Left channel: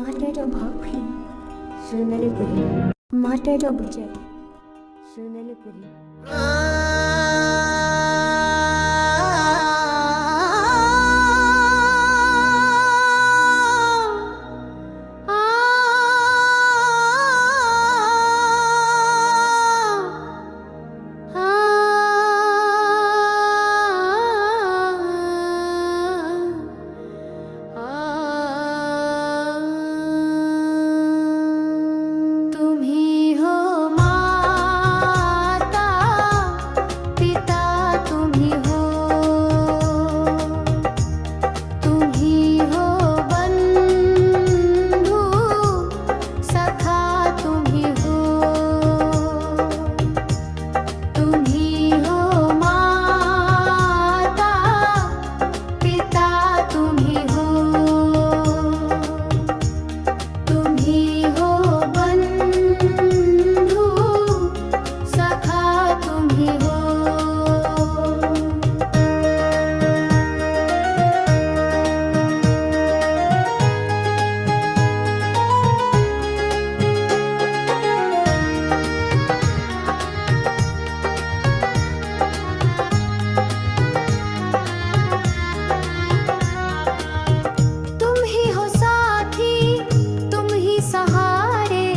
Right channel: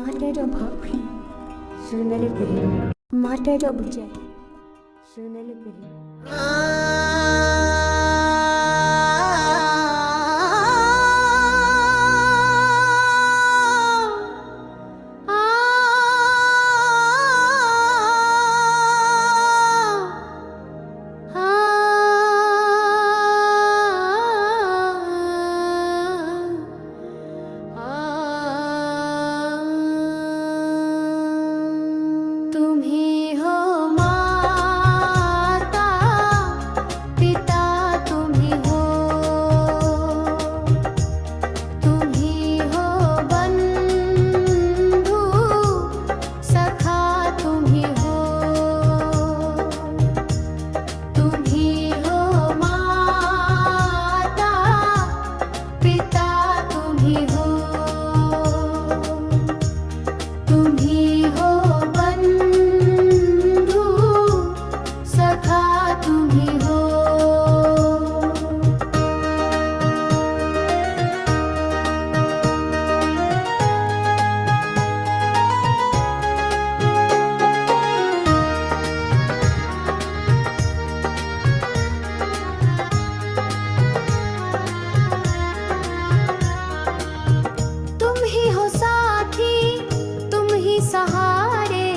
माटेरो भाफी सोनाली पुरी माटेरो बुझे सोनाली पुरी सहारे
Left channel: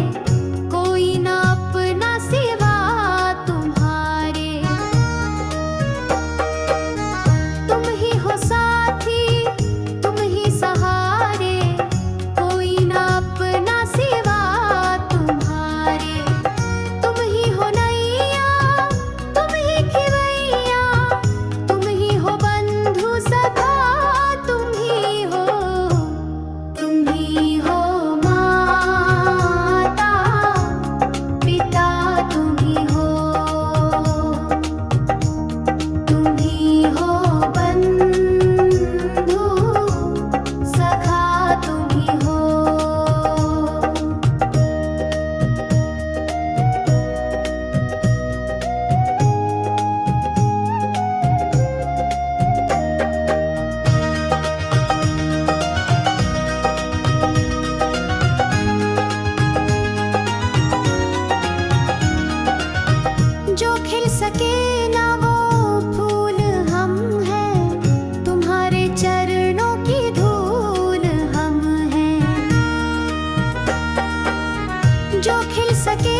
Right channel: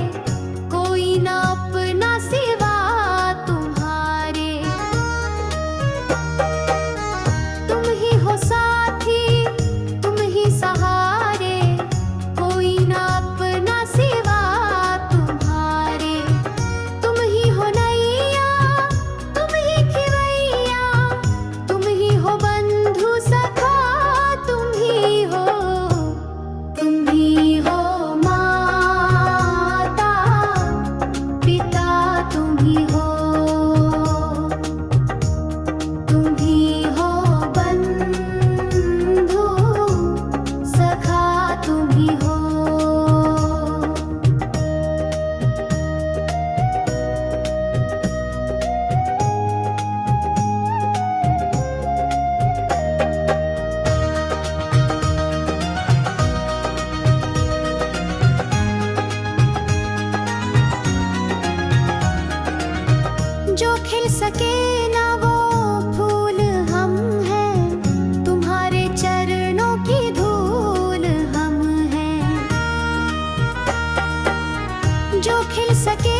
कोई ना अपना सिवा तुम्हारे। तुम ही हो साथी तुम ही सहारे कोई ना अपना सिवा तुम्हारे। तुम ही हो नैया तुम ही खिवैया तुम ही हो बंधु सखा तुम ही हो जो खिल सके ना वो फूल हम हैं तुम्हारे चरणों की धूल हम हैं। जो खिल सके